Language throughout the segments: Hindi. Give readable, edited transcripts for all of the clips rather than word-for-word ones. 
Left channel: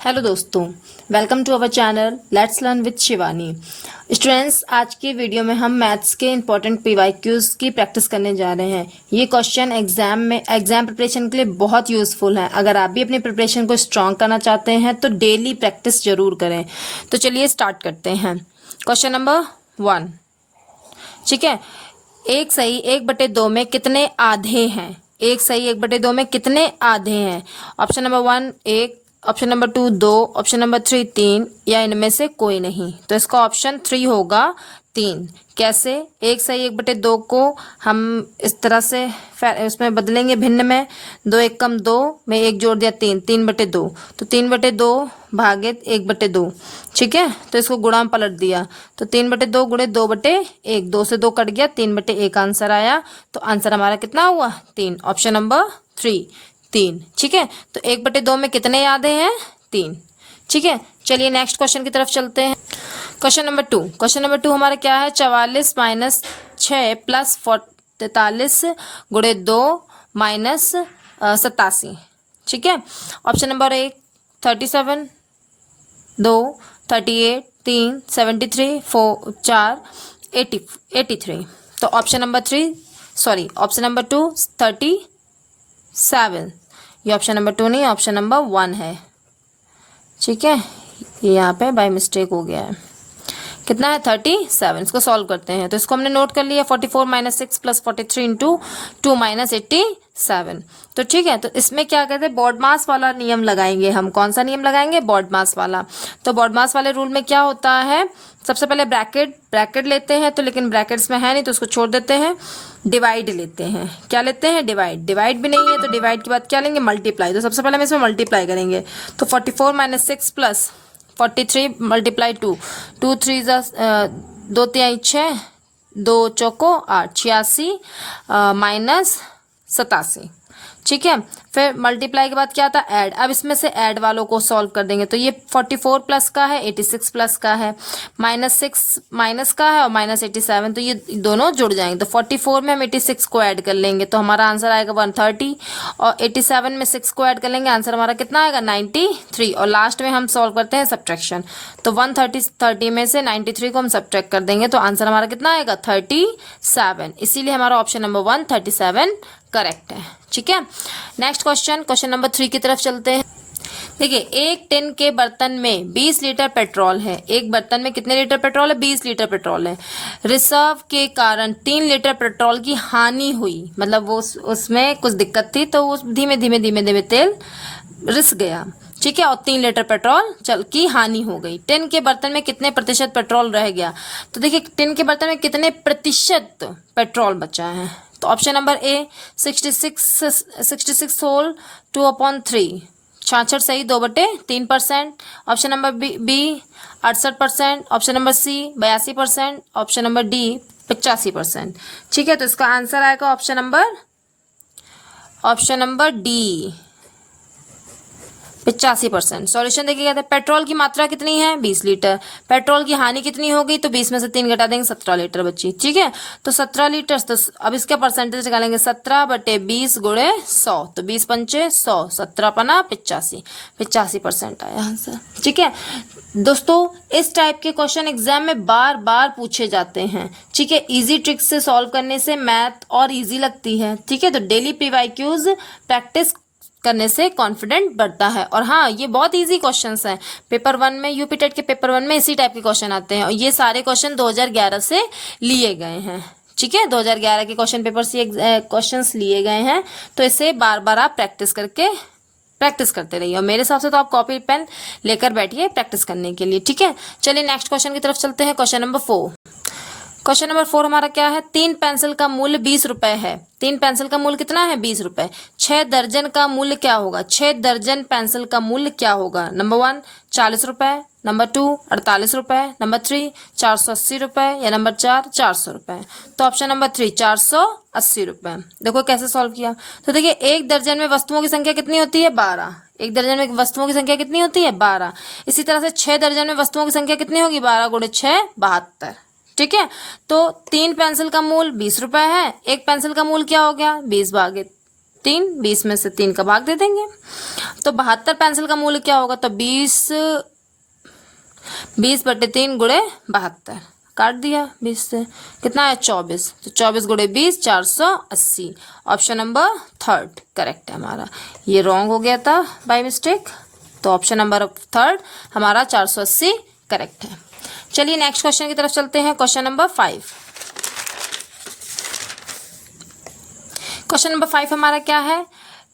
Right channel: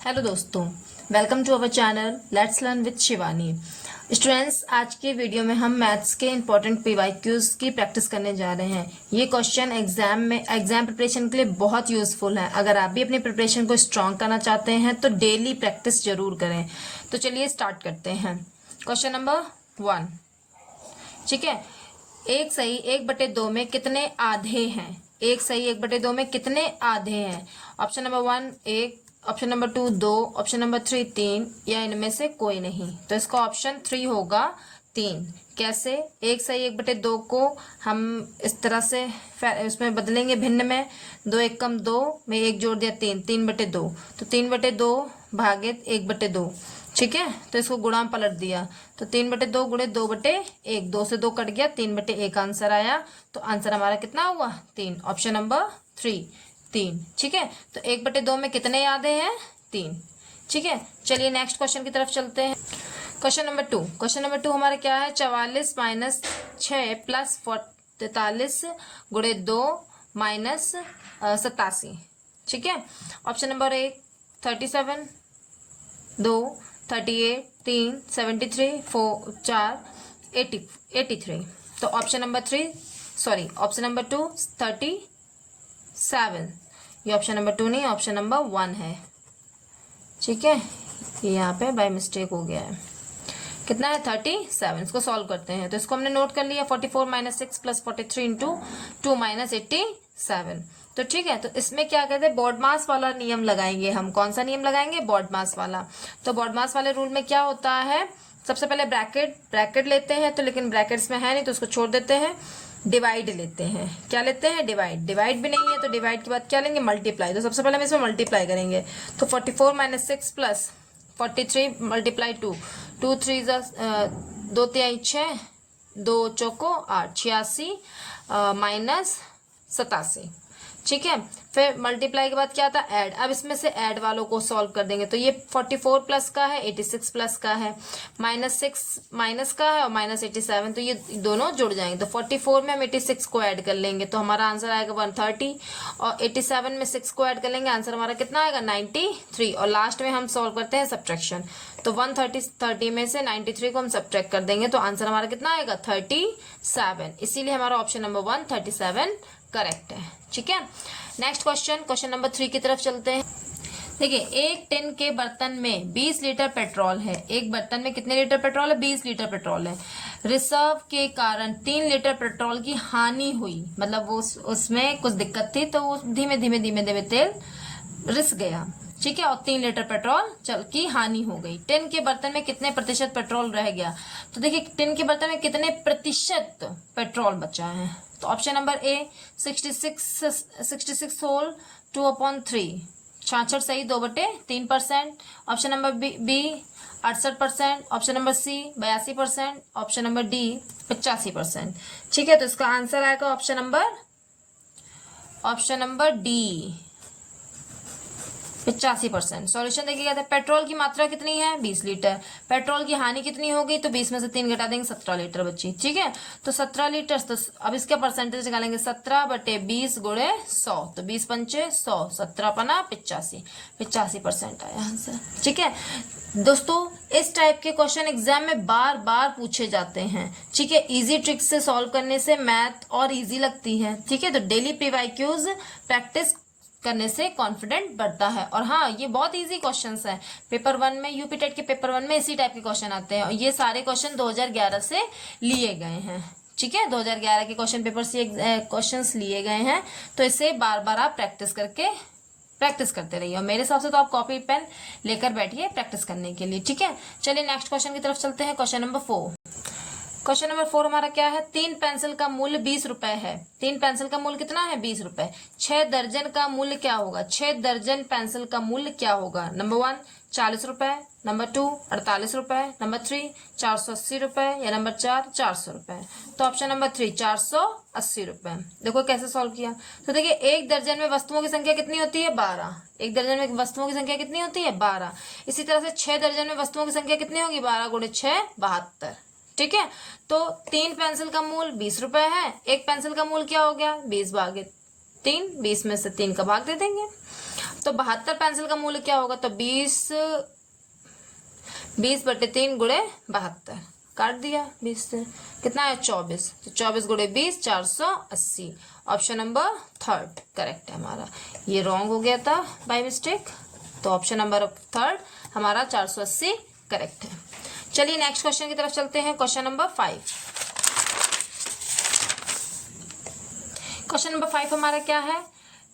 हेलो दोस्तों, welcome to our channel let's learn with Shivani. Students, आज की वीडियो में हम मैथ्स के इंपॉर्टेंट पीवाईक्यूज की प्रैक्टिस करने जा रहे हैं। ये क्वेश्चन एग्जाम प्रिपरेशन के लिए बहुत यूजफुल हैं। अगर आप भी अपनी प्रिपरेशन को स्ट्रांग करना चाहते हैं तो डेली प्रैक्टिस जरूर करें। तो चलिए स्टार्ट करते हैं। क्वेश्चन नंबर 1, ठीक है। एक सही 1/2 में कितने आधे हैं? एक सही 1/2 में कितने आधे हैं? Option number 1 1, option number 2 2, option number 3 3, या इनमें से कोई नहीं। तो इसका ऑप्शन 3 होगा 3। कैसे? एक सही 1/2 को हम इस तरह से उसमें बदलेंगे भिन्न में। 2 1 कम 2 में 1 जोड़ दिया 3, 3/2। तो 3/2 भागित 1/2, ठीक है। तो इसको गुणा में पलट दिया तो 3/2 गुणे 2/1, 2 से 2 कट गया, 3/1 आंसर आया। तो आंसर हमारा कितना हुआ? 3। ऑप्शन नंबर 3 3, ठीक है। तो 1/2 में कितने आधे हैं? 3, ठीक है। चलिए नेक्स्ट क्वेश्चन की तरफ चलते हैं। Question number 2। क्वेश्चन नंबर 2 हमारा क्या है? 44 माइनस 6 प्लस 43 गुणे 2 माइनस 87, ठीक है। Option number 1 37, 2 38, 3 73, 4 83। तो ऑप्शन नंबर 2 37। ये ऑप्शन नंबर 2 नहीं, ऑप्शन नंबर 1 है, ठीक है। ये यहाँ पे बाय मिस्टेक हो गया है। कितना है? 37। इसको सॉल्व करते हैं। तो इसको हमने नोट कर लिया। 44 माइनस 6 प्लस 43 इंटू 2 माइनस 87। तो ठीक है। तो इसमें क्या कहते हैं? बॉड मास वाला नियम लगाएंगे हम। कौन सा नियम लगाएंगे? बॉड मास वाला। तो बॉड मास वाले रूल में क्या होता है? सबसे पहले ब्रैकेट लेते हैं। तो लेकिन ब्रैकेट्स में है नहीं तो उसको छोड़ देते हैं। डिवाइड लेते हैं। क्या लेते हैं? डिवाइड भी नहीं है तो डिवाइड के बाद क्या लेंगे? मल्टीप्लाई। तो सबसे पहले हम इसमें मल्टीप्लाई करेंगे। तो 44 माइनस 6 प्लस 43 मल्टीप्लाई 2, 2 3 2 3 6, 2 चौको 8, 86 माइनस 87, ठीक है। फिर मल्टीप्लाई के बाद क्या आता? ऐड। अब इसमें से ऐड वालों को सॉल्व कर देंगे। तो ये 44 प्लस का है, 86 प्लस का है, -6 माइनस का है और -87। तो ये दोनों जुड़ जाएंगे। तो 44 में हम 86 को ऐड कर लेंगे तो हमारा आंसर आएगा 130, और 87 में 6 को ऐड कर लेंगे, आंसर हमारा कितना आएगा? 93। और लास्ट में हम सॉल्व करते हैं सब्ट्रैक्शन। तो 130 में से 93 को हम सब्ट्रैक्ट कर देंगे तो आंसर हमारा कितना आएगा? 37। इसीलिए हमारा ऑप्शन नंबर 1 37 करेक्ट है, ठीक है। नेक्स्ट क्वेश्चन नंबर 3 की तरफ चलते हैं। देखिए, एक टिन के बर्तन में 20 लीटर पेट्रोल है। एक बर्तन में कितने लीटर पेट्रोल है? 20 लीटर पेट्रोल है। रिजर्व के कारण 3 लीटर पेट्रोल की हानि हुई, मतलब वो उसमें कुछ दिक्कत थी तो वो धीमे धीमे तेल रिस गया, ठीक है। और 3 लीटर पेट्रोल की हानि हो गई। टिन के बर्तन में कितने प्रतिशत पेट्रोल रह गया? तो देखिए, टिन के बर्तन में कितने प्रतिशत पेट्रोल बचा है? तो ऑप्शन नंबर ए 66 होल 2/3, 66 सही 2/3%। Option number B 68%। Option number C 82%। Option number D 85%, ठीक है। तो इसका आंसर आएगा ऑप्शन नंबर डी 85%। सॉल्यूशन देखिए, कहते हैं पेट्रोल की मात्रा कितनी है? 20 लीटर। पेट्रोल की हानि कितनी होगी? तो 20 में से 3 घटा देंगे, 17 लीटर बची, ठीक है। तो 17 लीटर। तो अब इसका परसेंटेज निकालेंगे, 17/20 गुणे 100। तो 20 पंचे 100, 17 पना 85% आया आंसर, ठीक है। दोस्तों, इस टाइप के क्वेश्चन एग्जाम में बार बार पूछे जाते हैं, ठीक है। इजी ट्रिक्स से सॉल्व करने से मैथ और इजी लगती है, ठीक है। तो डेली पीवाईक्यूज प्रैक्टिस करने से कॉन्फिडेंट बढ़ता है। और हाँ, ये बहुत इजी क्वेश्चंस हैं। पेपर 1 में, यूपी टेट के पेपर 1 में इसी टाइप के क्वेश्चन आते हैं और ये सारे क्वेश्चन 2011 से लिए गए हैं, ठीक है। 2011 के क्वेश्चन पेपर से क्वेश्चंस लिए गए हैं। तो इसे बार बार आप प्रैक्टिस करते रहिए। और मेरे हिसाब से तो आप कॉपी पेन लेकर बैठिए प्रैक्टिस करने के लिए, ठीक है। चलिए नेक्स्ट क्वेश्चन की तरफ चलते हैं। Question number 4। क्वेश्चन नंबर 4 हमारा क्या है? 3 पेंसिल का मूल्य 20 रुपए है। 3 पेंसिल का मूल्य कितना है? 20 रुपए। 6 दर्जन का मूल्य क्या होगा? 6 दर्जन पेंसिल का मूल्य क्या होगा? नंबर 1 40 रुपए, नंबर 2 48 रुपए, नंबर 3 480 रुपए, या नंबर 4 400 रुपए। तो ऑप्शन नंबर 3 480 रुपए। देखो कैसे सॉल्व किया। तो देखिए, एक दर्जन में वस्तुओं की संख्या कितनी होती है? 12। एक दर्जन में वस्तुओं की संख्या कितनी होती है? 12। इसी तरह से 6 दर्जन में वस्तुओं की संख्या कितनी होगी? 12 गुणे 6 72, ठीक है। तो 3 पेंसिल का मूल्य 20 रुपए है। एक पेंसिल का मूल्य क्या हो गया? 20 भागे 3, 20 में से 3 का भाग दे देंगे। तो 72 पेंसिल का मूल्य क्या होगा, तो 20/3 गुणे 72, काट दिया 20 से, कितना है 24, तो 24 गुणे 20 480। ऑप्शन नंबर थर्ड करेक्ट है हमारा। ये रॉन्ग हो गया था बाय मिस्टेक, तो ऑप्शन नंबर थर्ड हमारा 480 करेक्ट है। चलिए नेक्स्ट क्वेश्चन की तरफ चलते हैं। Question number 5। क्वेश्चन नंबर 5 हमारा क्या है,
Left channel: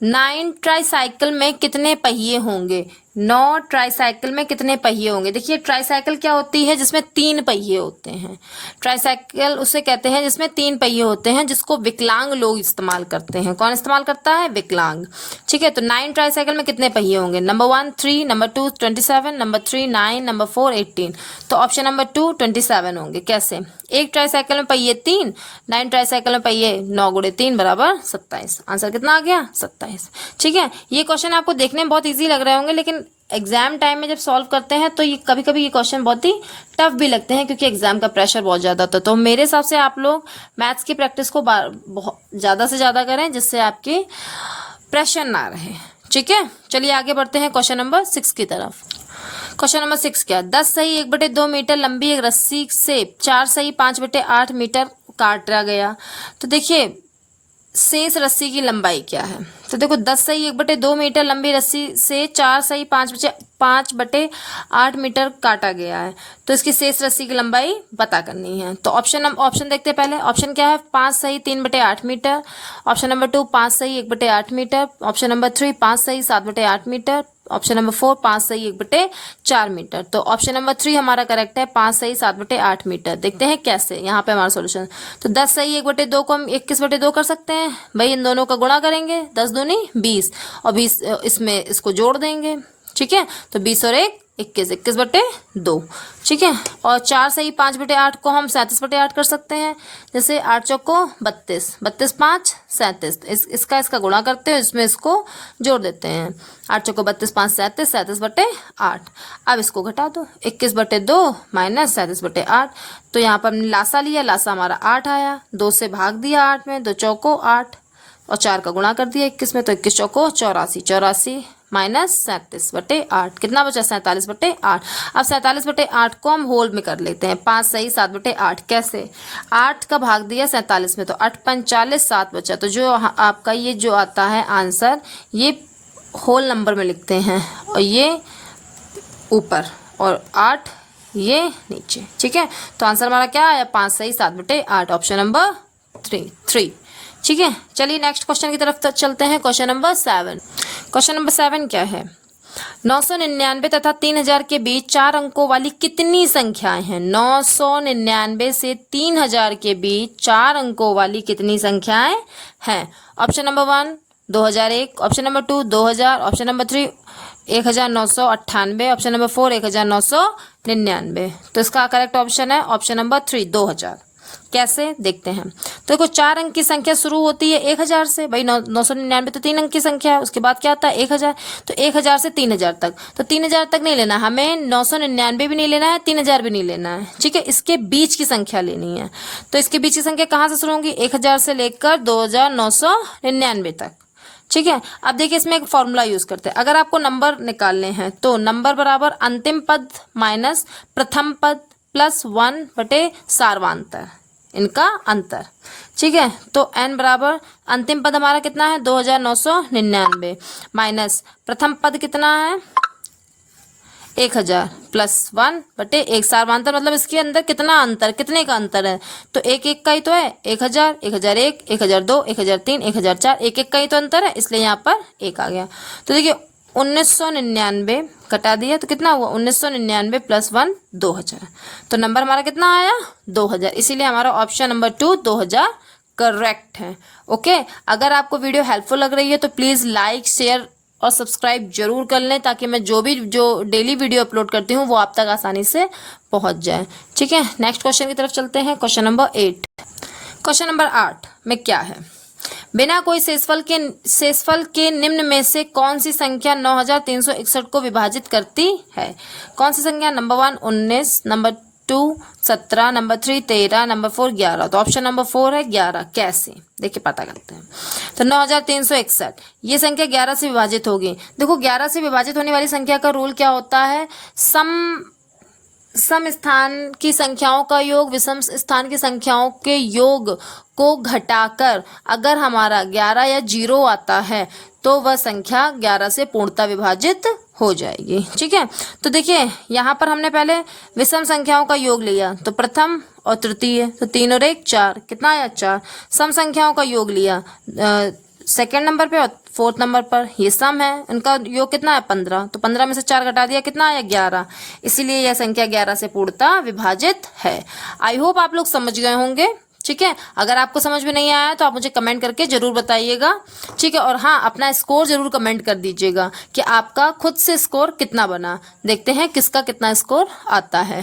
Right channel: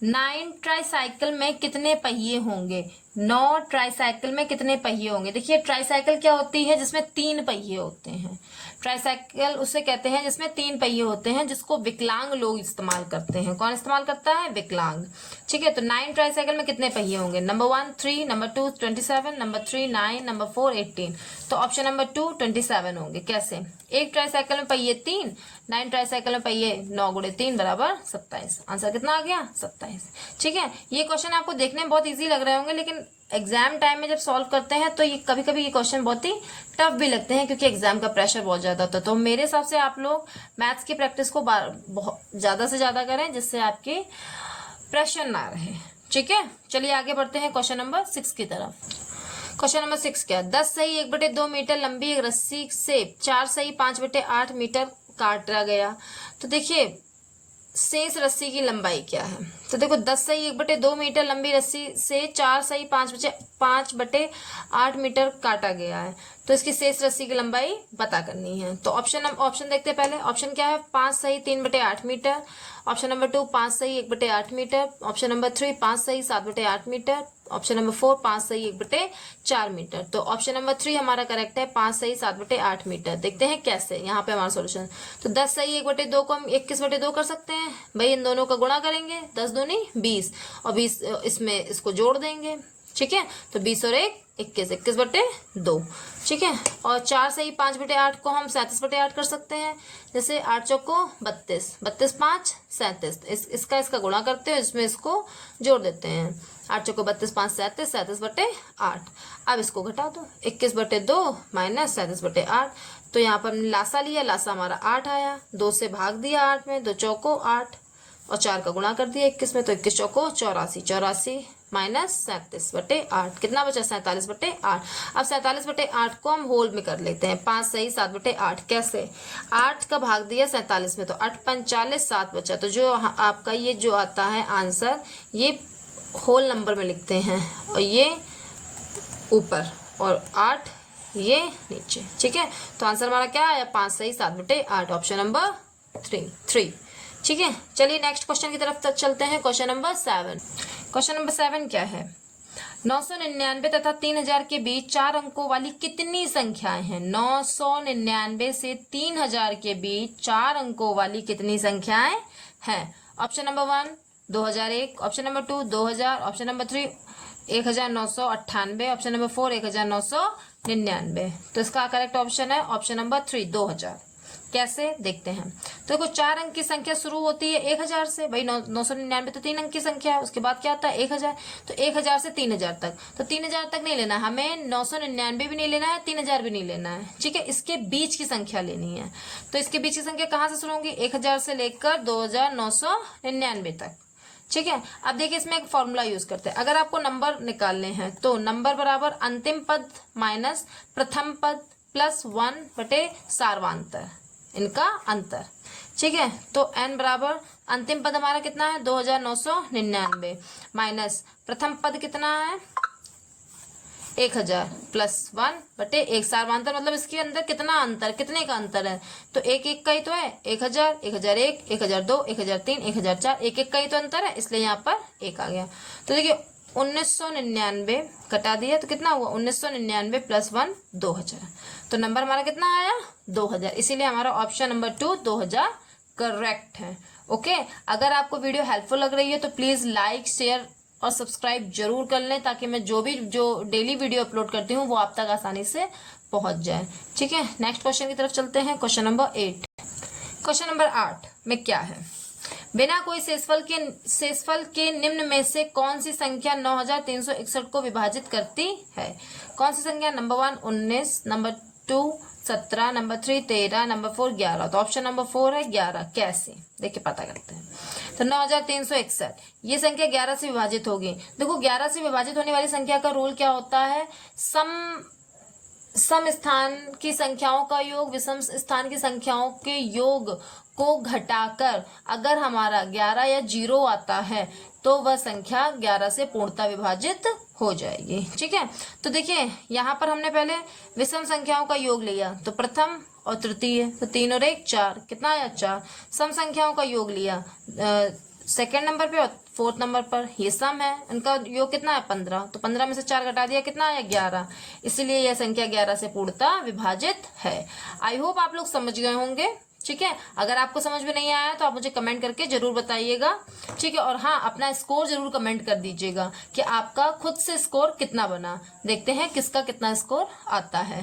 9 ट्राईसाइकिल में कितने पहिए होंगे। 9 ट्राईसाइकिल में कितने पहिए होंगे। देखिए ट्राईसाइकिल क्या होती है, जिसमें 3 पहिए होते हैं। ट्राईसाइकिल उसे कहते हैं जिसमें 3 पहिए होते हैं, जिसको विकलांग लोग इस्तेमाल करते हैं। कौन इस्तेमाल करता है, विकलांग। ठीक है, तो 9 ट्राईसाइकिल में कितने पहिए होंगे, नंबर 1 3, नंबर 2 27, नंबर 3 9, नंबर 4 18। तो ऑप्शन नंबर 2 27 होंगे। कैसे, एक ट्राईसाइकिल में पहिए 3, 9 ट्राईसाइकिल में पहिए 9 गुणे 3 बराबर 27। आंसर कितना आ गया, 27। ठीक है, ये क्वेश्चन आपको देखने में बहुत ईजी लग रहे होंगे, लेकिन एग्जाम टाइम में जब सॉल्व करते हैं तो ये कभी कभी ये क्वेश्चन बहुत ही टफ भी लगते हैं, क्योंकि एग्जाम का प्रेशर बहुत ज्यादा होता है। तो मेरे हिसाब से आप लोग मैथ्स की प्रैक्टिस को बहुत ज्यादा से ज्यादा करें, जिससे आपकी प्रेशर ना रहे। ठीक है, चलिए आगे बढ़ते हैं क्वेश्चन नंबर 6 की तरफ। क्वेश्चन नंबर 6 क्या, 10 सही 1/2 मीटर लंबी एक रस्सी से 4 सही 5/8 मीटर काटा गया। तो देखिए शेष रस्सी की लंबाई क्या है, तो देखो 10 सही 1/2 मीटर लंबी रस्सी से 4 सही 5/8 मीटर काटा गया है, तो इसकी शेष रस्सी की लंबाई पता करनी है। तो ऑप्शन देखते हैं पहले। ऑप्शन क्या है, 5 सही 3/8 मीटर। ऑप्शन नंबर 2 5 सही 1/8 मीटर। ऑप्शन नंबर 3 5 सही 7/8 मीटर। ऑप्शन नंबर 4 5 सही 1/4 मीटर। तो ऑप्शन नंबर 3 हमारा करेक्ट है, 5 सही 7/8 मीटर। देखते हैं कैसे, यहाँ पे हमारा सॉल्यूशन। तो 10 सही 1/2 को हम 21/2 कर सकते हैं भाई, इन दोनों का गुणा करेंगे, 10 दूनी 20 और 20 इसमें इसको जोड़ देंगे। ठीक है, तो 20 और 1 21, 21/2। ठीक है, और 4 सही 5/8 को हम 37/8 कर सकते हैं। जैसे 8 चौको 32, 32 5 37, इसका गुणा करते हैं, इसमें इसको जोड़ देते हैं। 8 चौको 32 5 37, 37/8। अब इसको घटा दो, 21/2 माइनस 37/8। तो यहाँ पर हमने लासा लिया, लासा हमारा 8 आया, 2 से भाग दिया 8 में, 2 चौको 8 और 4 का गुणा कर दिया 21 में, तो 21 चौको 84, 84 माइनस 37/8, कितना बचा 47/8। अब 47/8 को हम होल में कर लेते हैं, 5 सही 7/8। कैसे, 8 का भाग दिया 47 में, तो 8 5 40, 7 बचा। तो जो आपका ये जो आता है आंसर, ये होल नंबर में लिखते हैं, और ये ऊपर और 8 ये नीचे। ठीक है, तो आंसर हमारा क्या आया, 5 सही 7/8, ऑप्शन नंबर 3। ठीक है, चलिए नेक्स्ट क्वेश्चन की तरफ चलते हैं। Question number 7। क्वेश्चन नंबर 7 क्या है, 999 तथा 3000 के बीच 4 अंकों वाली कितनी संख्याएं हैं। 999 से 3000 के बीच 4 अंकों वाली कितनी संख्याएं हैं। Option number 1 2001, option number 2 2000, option number 3 1998, option number 4 1999। तो इसका करेक्ट ऑप्शन है ऑप्शन नंबर 3 2000। कैसे देखते हैं, तो देखो 4 अंक की संख्या शुरू होती है 1000 से, भाई 999 तो 3 अंक की संख्या है, उसके बाद क्या आता है 1000, तो 1000 से 3000 तक। तो 3000 तक नहीं लेना हमें, 999 भी नहीं लेना है, 3000 भी नहीं लेना है। ठीक है, इसके बीच की संख्या लेनी है। तो इसके बीच की संख्या कहाँ से शुरू होंगी, 1000 से लेकर 2999 तक। ठीक है, अब देखिए इसमें एक फॉर्मूला यूज करते हैं। अगर आपको नंबर निकालने हैं तो नंबर बराबर अंतिम पद माइनस प्रथम पद प्लस 1 सार्वांतर, इनका अंतर। ठीक है, तो n बराबर अंतिम पद हमारा कितना है 2999 माइनस प्रथम पद कितना है 1000 प्लस 1/1 सार्वांतर, मतलब इसके अंदर कितना अंतर, कितने का अंतर है, तो 1 का ही तो है, 1000 1001 1002 1003 1004, 1 का ही तो अंतर है, इसलिए यहाँ पर 1 आ गया। तो देखिए 1999 घटा दिया तो कितना हुआ 1999 प्लस 1 2000, तो नंबर हमारा कितना आया 2000, इसीलिए हमारा ऑप्शन नंबर 2 2000 करेक्ट है। ओके, अगर आपको वीडियो हेल्पफुल लग रही है तो प्लीज़ लाइक शेयर और सब्सक्राइब जरूर कर लें, ताकि मैं जो डेली वीडियो अपलोड करती हूँ वो आप तक आसानी से पहुँच जाए। ठीक है, नेक्स्ट क्वेश्चन की तरफ चलते हैं। Question number 8। क्वेश्चन नंबर 8 में क्या है, बिना कोई शेषफल के निम्न में से कौन सी संख्या 9361 को विभाजित करती है। कौन सी संख्या, नंबर 1 19, नंबर 2 17, नंबर 3 13, नंबर 4 11। तो ऑप्शन नंबर 4 है 11। कैसे, देखिए पता करते हैं। तो 9361 ये संख्या 11 से विभाजित होगी। देखो 11 से विभाजित होने वाली संख्या का रूल क्या होता है, सम स्थान की संख्याओं का योग विषम स्थान की संख्याओं के योग को घटाकर अगर हमारा 11 या 0 आता है तो वह संख्या 11 से पूर्णतः विभाजित हो जाएगी। ठीक है, तो देखिए यहाँ पर हमने पहले विषम संख्याओं का योग लिया, तो प्रथम और तृतीय, तो 3 और 1 4, कितना आया 4। सम संख्याओं का योग लिया सेकेंड नंबर पे और फोर्थ नंबर पर, ये सम है, उनका योग कितना है 15, तो 15 में से 4 घटा दिया, कितना आया 11। इसीलिए यह संख्या 11 से पूर्णतः विभाजित है। आई होप आप लोग समझ गए होंगे। ठीक है, अगर आपको समझ में नहीं आया तो आप मुझे कमेंट करके जरूर बताइएगा। ठीक है, और हाँ अपना स्कोर जरूर कमेंट कर दीजिएगा कि आपका खुद से स्कोर कितना बना। देखते हैं किसका कितना स्कोर आता है।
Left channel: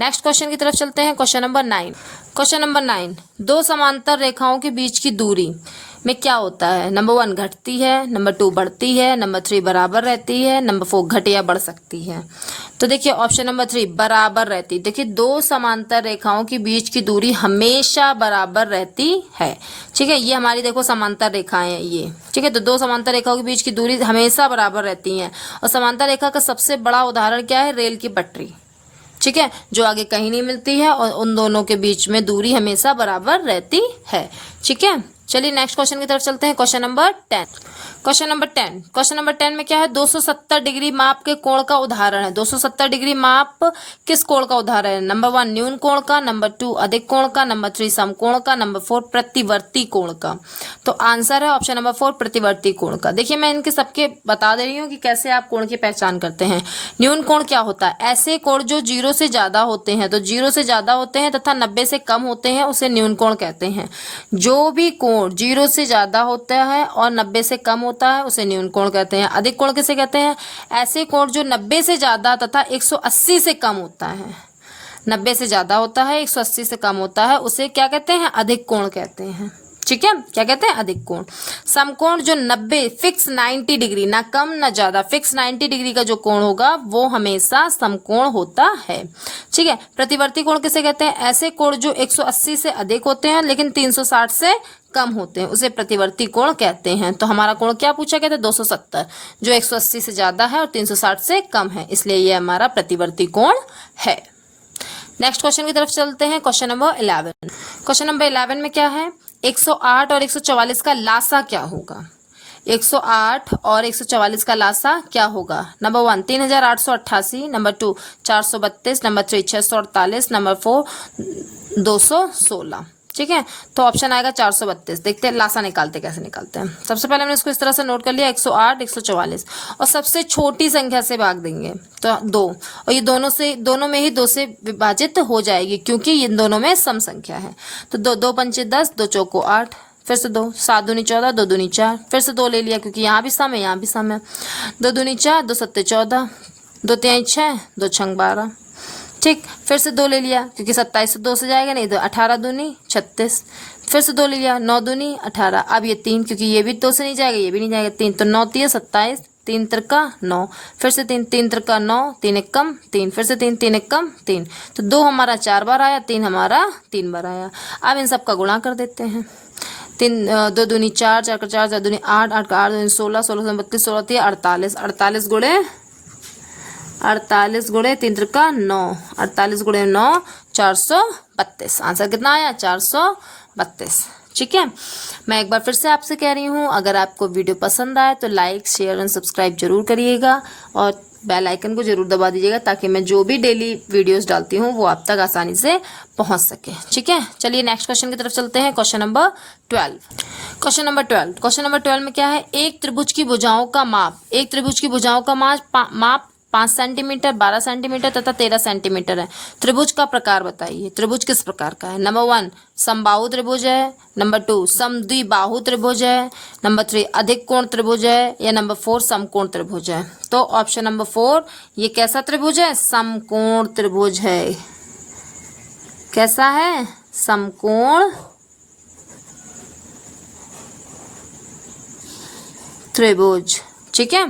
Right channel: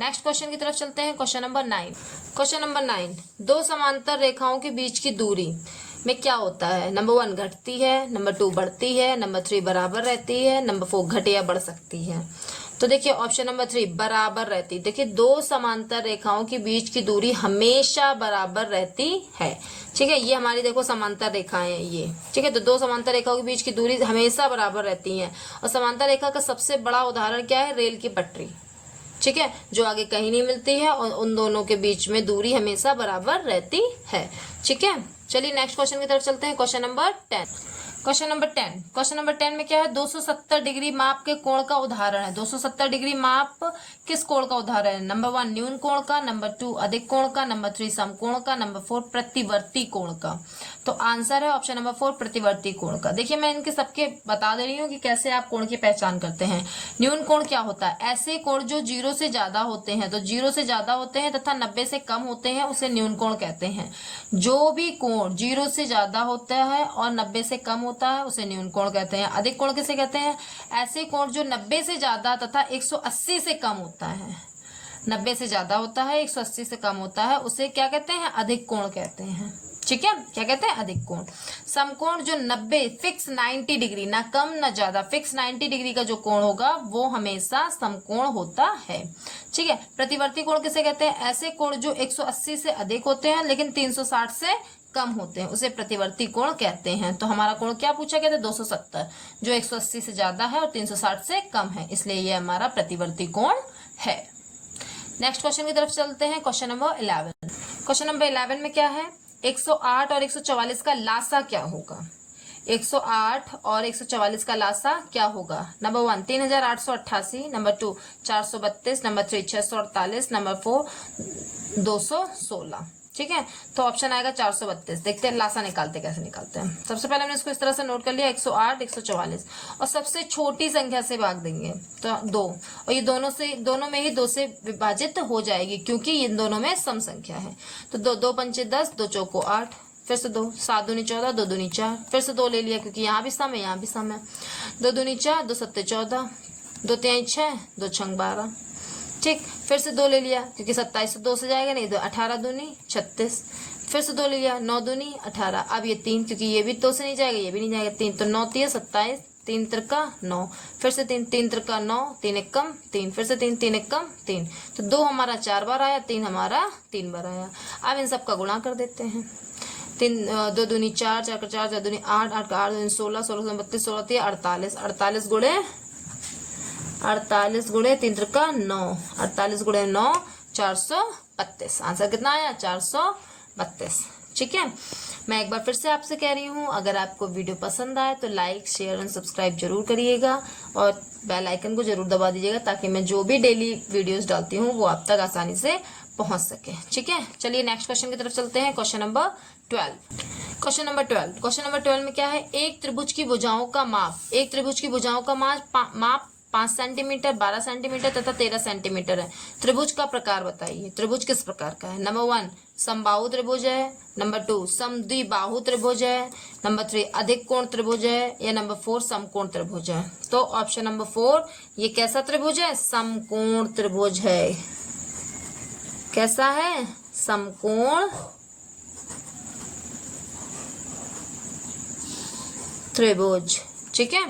नेक्स्ट क्वेश्चन की तरफ चलते हैं। Question number 9। क्वेश्चन नंबर 9, दो समांतर रेखाओं के बीच की दूरी में क्या होता है। नंबर 1 घटती है, नंबर 2 बढ़ती है, नंबर 3 बराबर रहती है, नंबर 4 घट या बढ़ सकती है। तो देखिए ऑप्शन नंबर 3 बराबर रहती। देखिए दो समांतर रेखाओं के बीच की दूरी हमेशा बराबर रहती है। ठीक है, ये हमारी देखो समांतर रेखाएं हैं ये। ठीक है, तो दो समांतर रेखाओं के बीच की दूरी हमेशा बराबर रहती है। और समांतर रेखा का सबसे बड़ा उदाहरण क्या है, रेल की पटरी। ठीक है, जो आगे कहीं नहीं मिलती है और उन दोनों के बीच में दूरी हमेशा बराबर रहती है। ठीक है, चलिए नेक्स्ट क्वेश्चन की तरफ चलते हैं। Question number 10। क्वेश्चन नंबर 10 में क्या है, 270 डिग्री माप के कोण का उदाहरण है। 270 डिग्री माप किस कोण का उदाहरण है। नंबर 1 न्यून कोण का, नंबर 2 अधिक कोण का, नंबर 3 समकोण का, नंबर 4 प्रतिवर्ती कोण का। तो आंसर है ऑप्शन नंबर 4 प्रतिवर्ती कोण का। देखिए मैं इनके सबके बता दे रही हूँ कि कैसे आप कोण की पहचान करते हैं। न्यून कोण क्या होता है, ऐसे कोण जो 0 से ज्यादा होते हैं, तो 0 से ज्यादा होते हैं तथा 90 से कम होते हैं उसे न्यून कोण कहते हैं। जो भी कोण 0 से ज्यादा होता है और 90 से कम होता है उसे न्यून कोण कहते हैं। अधिक कोण किसे कहते हैं, ऐसे कोण जो 90 से ज्यादा तथा 180 से कम होता है। 90 से ज्यादा होता है, 180 से कम होता है, उसे क्या कहते हैं, अधिक कोण कहते हैं। ठीक है, क्या कहते हैं, अधिक कोण। समकोण जो 90 फिक्स 90 डिग्री, ना कम ना ज्यादा, फिक्स 90 डिग्री का जो कोण होगा वो हमेशा समकोण होता है। ठीक है, प्रतिवर्ती कोण किसे कहते हैं, ऐसे कोण जो 180 से अधिक होते हैं लेकिन 360 से कम होते हैं उसे प्रतिवर्ती कोण कहते हैं। तो हमारा कोण क्या पूछा गया था, 270, जो 180 से ज्यादा है और 360 से कम है, इसलिए ये हमारा प्रतिवर्ती कोण है। नेक्स्ट क्वेश्चन की तरफ चलते हैं। Question number 11। क्वेश्चन नंबर 11 में क्या है, 108 और 144 का लासा क्या होगा। 108 और 144 का लासा क्या होगा। Number 1 3888, number 2 432, number 3 648, number 4 216। ठीक है, तो ऑप्शन आएगा 432। देखते हैं लासा निकालते कैसे निकालते हैं। सबसे पहले हमने इसको इस तरह से नोट कर लिया, 108 144 और सबसे छोटी संख्या से भाग देंगे तो 2, और ये दोनों में ही 2 से विभाजित हो जाएगी क्योंकि ये दोनों में सम संख्या है। तो 2 पंचे 10, 2 चौको 8, फिर से 2 7 दूनी 14, 2 दूनी 4, फिर से 2 ले लिया क्योंकि यहाँ भी सम है यहाँ भी सम है। 2 दूनी 4, 2 सत्ते 14, 2 तिहाई 6, 2 छंग 12। ठीक, फिर से 2 ले लिया क्योंकि 27 से 2 से जाएगा नहीं, तो 18 दूनी 36, फिर से 2 ले लिया, 9 दूनी 18। अब ये 3 क्योंकि ये भी 2 से नहीं जाएगा ये भी नहीं जाएगा, 3 तो 9 3 27, 3 त्रिका 9, फिर से 3 3 त्रिका 9, 3 एक कम 3, फिर से 3 3 एक कम 3। तो 2 हमारा 4 बार आया, 3 हमारा 3 बार आया। अब इन सब का गुणा कर देते हैं। 2 दूनी 4, 4 का 4, 4 दूनी 8, 8 का 8 दूनी 16, 16 32, 16 48, 48 गुणे 3 त्रिका 9, 48 गुणे 9 432। आंसर कितना आया, 432। ठीक है, मैं एक बार फिर से आपसे कह रही हूँ, अगर आपको वीडियो पसंद आए तो लाइक शेयर एंड सब्सक्राइब जरूर करिएगा और बेल आइकन को जरूर दबा दीजिएगा ताकि मैं जो भी डेली वीडियोस डालती हूँ वो आप तक आसानी से पहुँच सके। ठीक है, चलिए नेक्स्ट क्वेश्चन की तरफ चलते हैं। Question number 12। क्वेश्चन नंबर 12 में क्या है, एक त्रिभुज की भुजाओं का माप, एक त्रिभुज की भुजाओं का माप 5 सेंटीमीटर, 12 सेंटीमीटर तथा 13 सेंटीमीटर है। त्रिभुज का प्रकार बताइए, त्रिभुज किस प्रकार का है। नंबर 1 समबाहु त्रिभुज है, नंबर 2 समद्विबाहु त्रिभुज है, नंबर 3 अधिक कोण त्रिभुज है, या नंबर 4 समकोण त्रिभुज है। तो ऑप्शन नंबर 4 ये कैसा त्रिभुज है, समकोण त्रिभुज है। कैसा है, समकोण त्रिभुज। ठीक है,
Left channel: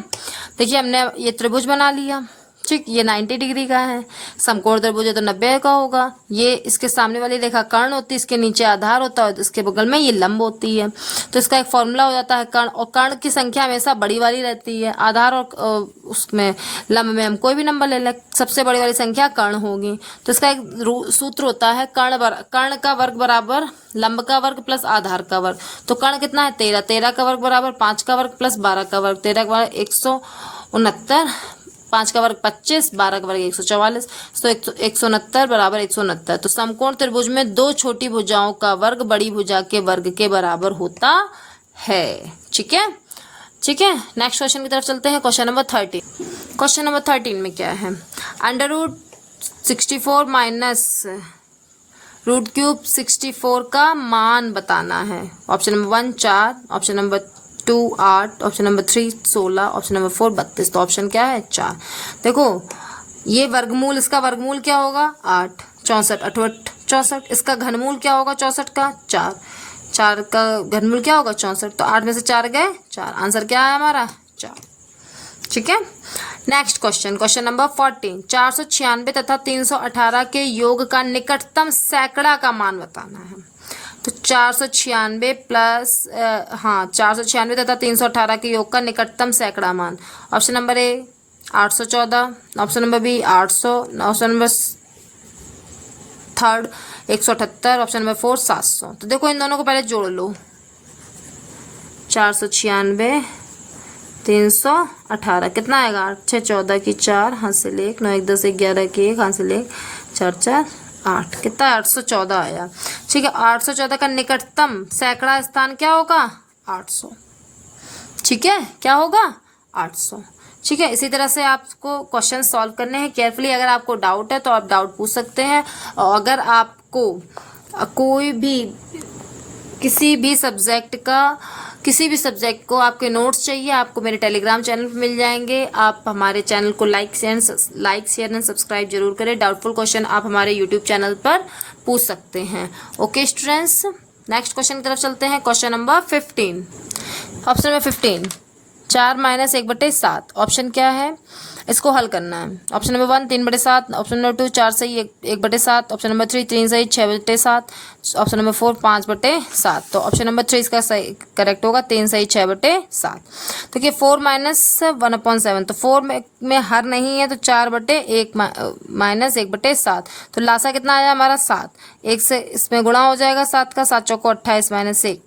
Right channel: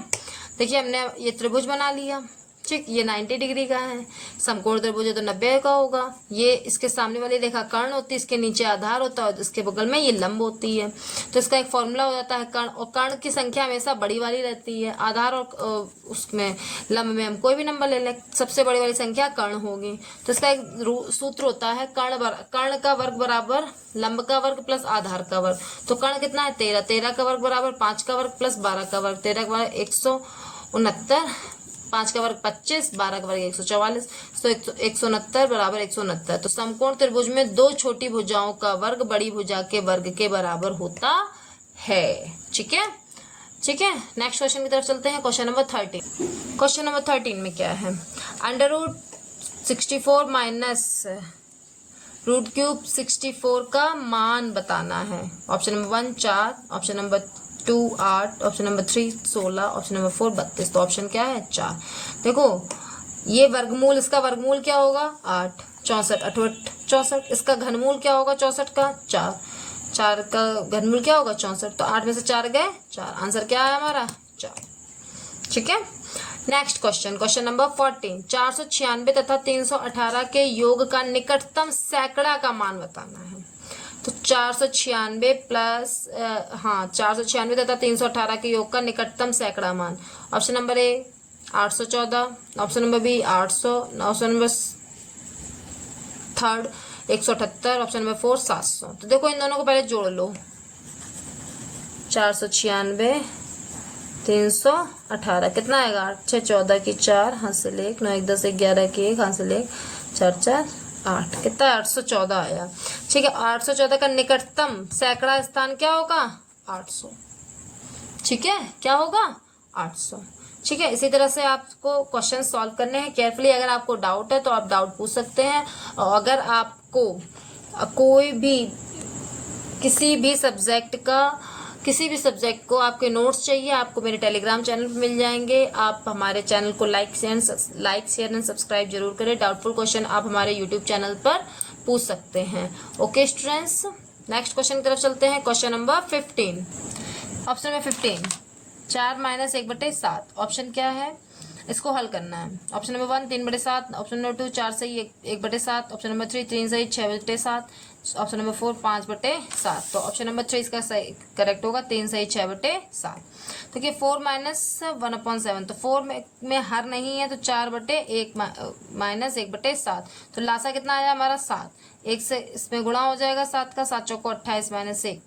देखिए हमने ये त्रिभुज बना लिया। ठीक, ये 90 डिग्री का है। समकोण त्रिभुज है तो 90 का होगा। ये इसके सामने वाली रेखा कर्ण होती है, इसके नीचे आधार होता है, तो इसके बगल में ये लंब होती है। तो इसका एक फॉर्मूला हो जाता है कर्ण, और कर्ण की संख्या हमेशा बड़ी वाली रहती है। आधार और उसमें लंब में हम कोई भी नंबर ले लें, सबसे बड़ी वाली संख्या कर्ण होगी। तो इसका एक सूत्र होता है कर्ण का वर्ग बराबर लंब का वर्ग प्लस आधार का वर्ग। तो कर्ण कितना है 13, 13 का वर्ग बराबर 5 का वर्ग प्लस 12 का वर्ग, 13 का वर्ग 169, 5 का वर्ग 25, 12 का वर्ग 144, तो 169 बराबर 169। तो समकोण त्रिभुज में दो छोटी भुजाओं का वर्ग बड़ी भुजा के वर्ग के बराबर होता है। ठीक है, ठीक है। नेक्स्ट क्वेश्चन की तरफ चलते हैं। Question number 13। क्वेश्चन नंबर 13 में क्या है, √64 माइनस √³ 64 का मान बताना है। Option number 1 4, option number 2 8, option number 3 16, option number 4 32। तो ऑप्शन क्या है 4। देखो ये वर्गमूल, इसका वर्गमूल क्या होगा 8, 64 8 64। इसका घनमूल क्या होगा 64 का 4, 4 का घनमूल क्या होगा 64। तो 8 में से 4 गए 4, आंसर क्या है हमारा 4। ठीक है। Next question, question number 14। 496 तथा 318 के योग का निकटतम सैकड़ा का मान बताना है। तो 496 प्लस 496 तथा 318 के योग का निकटतम सैकड़ा मान। Option number A 814, option number B 800, option number third 178, option number 4 700। तो देखो इन दोनों को पहले जोड़ लो, 496 318 कितना आएगा 8 6 14 की 4, हाथ से 1 9 1 10 11 की 1, हाथ से 1 4 4 8, कितना 814 आया। ठीक है, 814 का निकटतम सैकड़ा स्थान क्या होगा 800। ठीक है, क्या होगा 800। ठीक है, इसी तरह से आपको क्वेश्चन सॉल्व करने हैं केयरफुली। अगर आपको डाउट है तो आप डाउट पूछ सकते हैं, और अगर आपको कोई भी किसी भी सब्जेक्ट को आपके नोट्स चाहिए, आपको मेरे टेलीग्राम चैनल पर मिल जाएंगे। आप हमारे चैनल को लाइक शेयर एंड सब्सक्राइब जरूर करें। डाउटफुल क्वेश्चन आप हमारे यूट्यूब चैनल पर पूछ सकते हैं। ओके स्टूडेंट्स, नेक्स्ट क्वेश्चन की तरफ चलते हैं। Question number 15। Option number 15 4 - 1/7। Option क्या है, इसको हल करना है। ऑप्शन नंबर 1 3/7, ऑप्शन नंबर 2 4 सही 1/7, ऑप्शन नंबर 3 3 सही 6/7, ऑप्शन नंबर 4 5/7। तो ऑप्शन नंबर 3 इसका सही करेक्ट होगा, 3 सही 6/7। तो क्या 4 - 1/7, तो 4 में हर नहीं है, तो 4/1 - 1/7। तो लासा कितना आया हमारा 7, 1 से इसमें गुणा हो जाएगा 7 का, 7 चौको 28 - 1,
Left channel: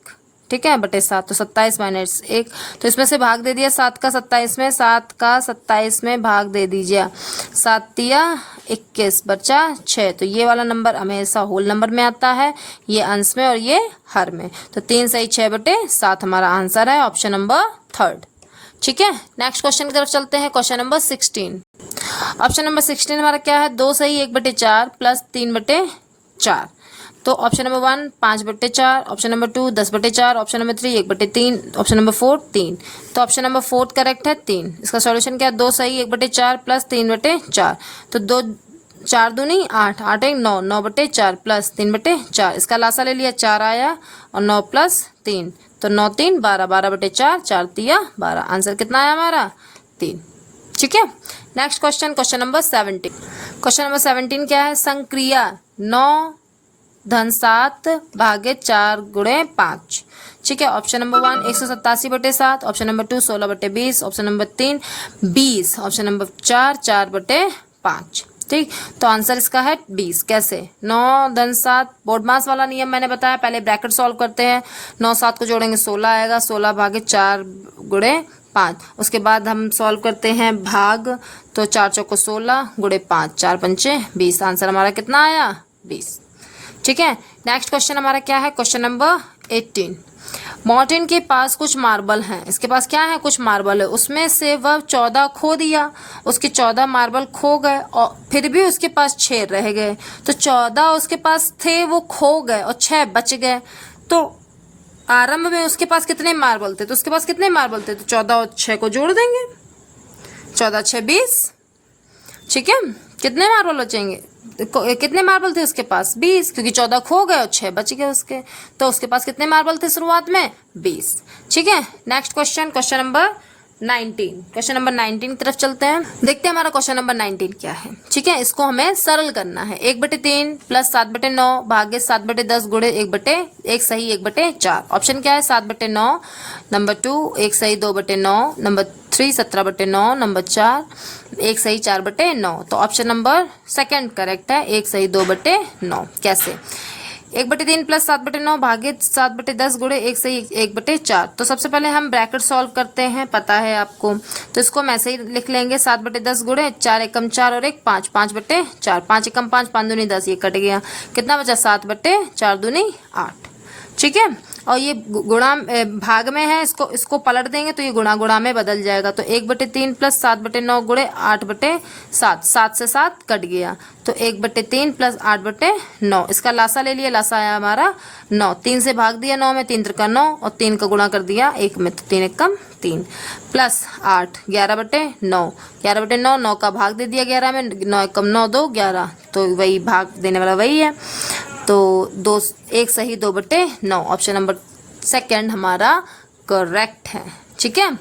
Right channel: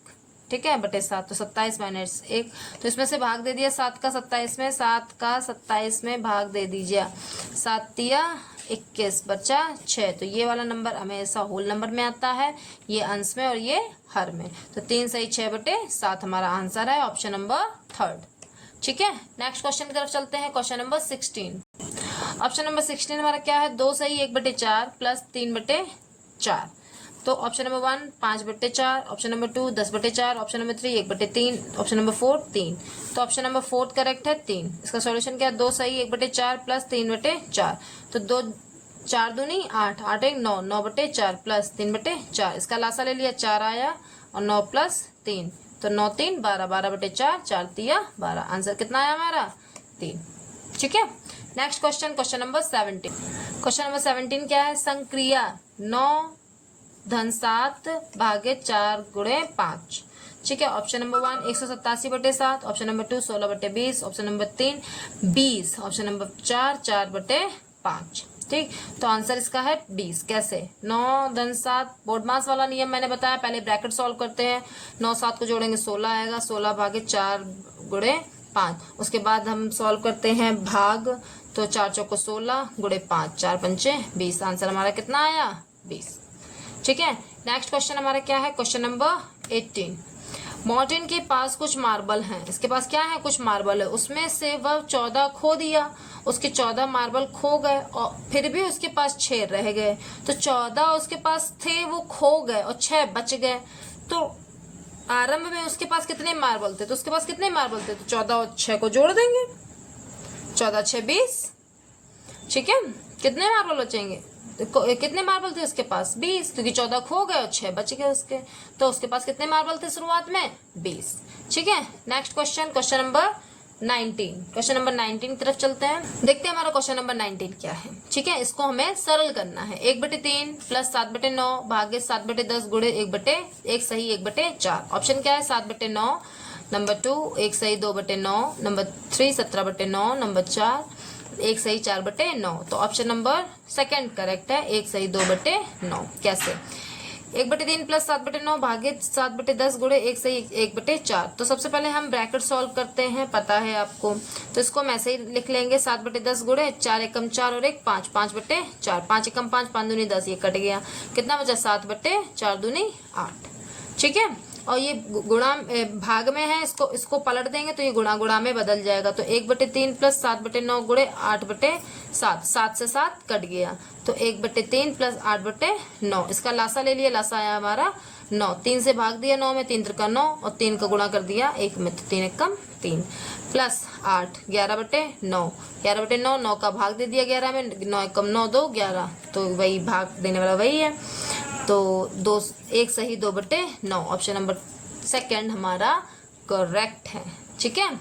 ठीक है, /7, तो 27 - 1। तो इसमें से भाग दे दिया 7 का 27 में, 7 का 27 में भाग दे दीजिए, 7 तिया 21 बचा 6। तो ये वाला नंबर हमेशा होल नंबर में आता है, ये अंश में और ये हर में। तो 3 सही 6/7 हमारा आंसर है, ऑप्शन नंबर 3। ठीक है, नेक्स्ट क्वेश्चन की तरफ चलते हैं। Question number 16। ऑप्शन नंबर 16 हमारा क्या है, 2 सही 1/4 प्लस 3/4। तो option number 1 5/4, option number 2 10/4, option number 3 1/3, option number 4 3। तो ऑप्शन नंबर 4 करेक्ट है 3। इसका सॉल्यूशन क्या है, 2 सही 1/4 प्लस 3/4। तो 2 4 दूनी 8, 8 1 9, 9/4 प्लस 3/4। इसका लासा ले लिया 4 आया, और 9 प्लस 3, तो 9 3 12, 12/4, 4 तिया 12। आंसर कितना आया हमारा 3। ठीक है, next question, question number 17। Question number 17 क्या है, संक्रिया 9 धन 7 भागे 4 गुणे 5। ठीक है, option number 1 187/7, option number 2 16/20, option number 3 20, option number 4 4/5। ठीक, तो आंसर इसका है 20। कैसे, 9 धन 7 बोर्डमास वाला नियम मैंने बताया, पहले ब्रैकेट सॉल्व करते हैं। 9 7 को जोड़ेंगे 16 आएगा, 16 भागे 4 गुणे 5। उसके बाद हम सॉल्व करते हैं भाग, तो 4 चौको 16 गुणे 5, 4 पंचे 20। आंसर हमारा कितना आया 20। ठीक है, नेक्स्ट क्वेश्चन हमारा क्या है, क्वेश्चन नंबर 18। मॉर्टिन के पास कुछ मार्बल हैं, इसके पास क्या है कुछ मार्बल है, उसमें से वह 14 खो दिया, उसके 14 मार्बल खो गए और फिर भी उसके पास 6 रह गए। तो 14 उसके पास थे, वो खो गए और 6 बच गए। तो आरंभ में उसके पास कितने मार्बल थे, तो उसके पास कितने मार्बल थे, तो 14 और 6 को जोड़ देंगे, 14 6 20। ठीक है, कितने मार्बल बचेंगे, कितने मार्बल थे उसके पास 20, क्योंकि 14 खो गए और 6 बच गए उसके। तो उसके पास कितने मार्बल थे शुरुआत में 20। ठीक है, next question, question number 19, question number 19 की तरफ चलते हैं। देखते हैं हमारा क्वेश्चन नंबर 19 क्या है। ठीक है, इसको हमें सरल करना है। 1/3 प्लस 7/9 भागे 7/10 गुणे 1 सही 1/4। ऑप्शन क्या है? 7/9, नंबर 2 1 सही 2/9, नंबर 3 17/9, नंबर 4 1 सही 4/9। तो ऑप्शन नंबर सेकंड करेक्ट है, 1 सही 2/9। कैसे? 1/3 प्लस 7/9 भागे 7/10 गुणे 1 सही 1/4। तो सबसे पहले हम ब्रैकेट सॉल्व करते हैं, पता है आपको, तो इसको हम ऐसे ही लिख लेंगे 7/10 गुणे 4 एकम 4 और 1 5, 5/4, 5 एकम 5, 5 दूनी 10, ये कट गया, कितना बचा? 7/4 दूनी 8। ठीक है, और ये गुणा भाग में है, इसको पलट देंगे तो ये गुणा में बदल जाएगा। तो 1/3 प्लस 7/9 गुणे 8/7, 7 से 7 कट गया, तो 1/3 प्लस 8/9, इसका लासा ले लिया, लासा आया हमारा 9, 3 से भाग दिया 9 में, 3 त्रिका 9 और 3 का गुणा कर दिया 1 में, तो 3 एकम 3 प्लस 8 11/9, 11/9, 9 का भाग दे दिया 11 में, 9 एकम 9 2 11, तो वही भाग देने वाला वही है, तो 2 1 सही 2/9। ऑप्शन नंबर सेकंड हमारा करेक्ट है। ठीक है,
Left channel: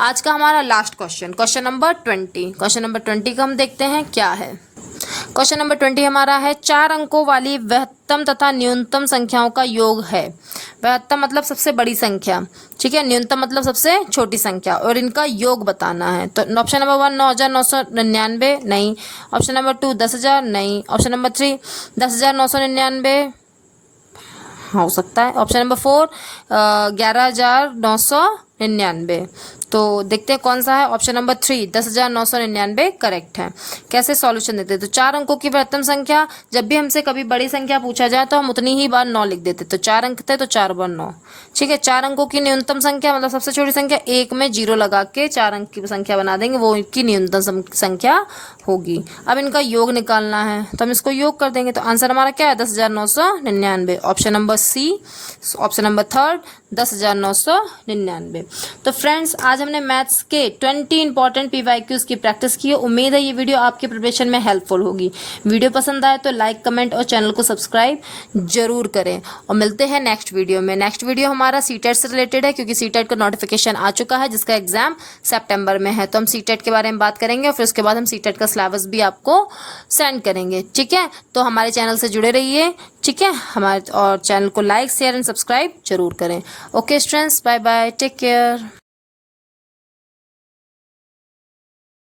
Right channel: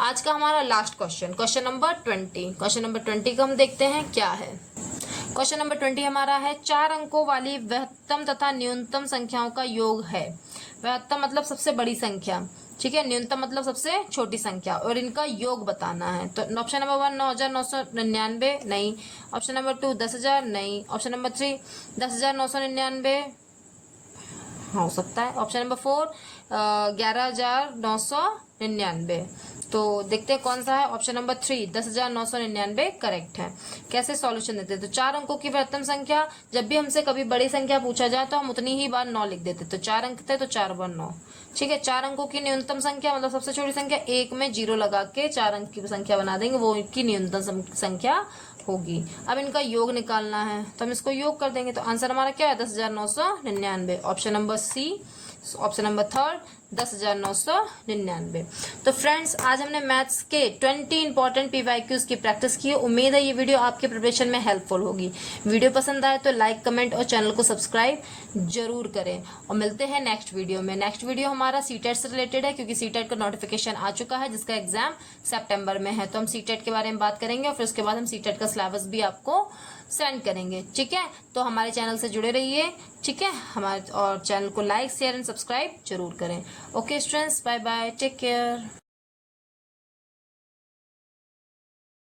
आज का हमारा last question, question number 20। Question number 20 का हम देखते हैं क्या है। क्वेश्चन नंबर 20 हमारा है 4 अंकों वाली वृहत्तम तथा न्यूनतम संख्याओं का योग है। वृहत्तम मतलब सबसे बड़ी संख्या, ठीक है, न्यूनतम मतलब सबसे छोटी संख्या, और इनका योग बताना है। तो ऑप्शन नंबर 1 9,999 नहीं, ऑप्शन नंबर 2 10,000 नहीं, ऑप्शन नंबर 3 10,999 हो सकता है, ऑप्शन नंबर 4 11,999। तो देखते हैं कौन सा है। ऑप्शन नंबर 3 10,999 करेक्ट है। कैसे सॉल्यूशन देते हैं? तो 4 अंकों की वृहत्तम संख्या, जब भी हमसे कभी बड़ी संख्या पूछा जाए तो हम उतनी ही बार 9 लिख देते। तो 4 अंक थे तो 4 बार 9। ठीक है, 4 अंकों की न्यूनतम संख्या मतलब सबसे छोटी संख्या, 1 में 0 लगा के 4 अंक की संख्या बना देंगे, वो इनकी न्यूनतम संख्या होगी। अब इनका योग निकालना है तो हम इसको योग कर देंगे, तो आंसर हमारा क्या है? 10,999। Option number C, option number third 10,999। तो फ्रेंड्स, आज हमने मैथ्स के 20 इंपॉर्टेंट PYQs की प्रैक्टिस की है। उम्मीद है ये वीडियो आपके प्रिपरेशन में हेल्पफुल होगी। वीडियो पसंद आए तो लाइक, कमेंट और चैनल को सब्सक्राइब जरूर करें, और मिलते हैं नेक्स्ट वीडियो में। नेक्स्ट वीडियो हमारा सीटेट से रिलेटेड है, क्योंकि सीटेट का नोटिफिकेशन आ चुका है, जिसका एग्जाम सितंबर में है। तो हम सीटेट के बारे में बात करेंगे, और फिर उसके बाद हम सीटेट का सिलेबस भी आपको सेंड करेंगे। ठीक है, तो हमारे चैनल से जुड़े रहिए। ठीक है, हमारे और चैनल को लाइक, शेयर एंड सब्सक्राइब जरूर करें। Okay students, bye bye, take care.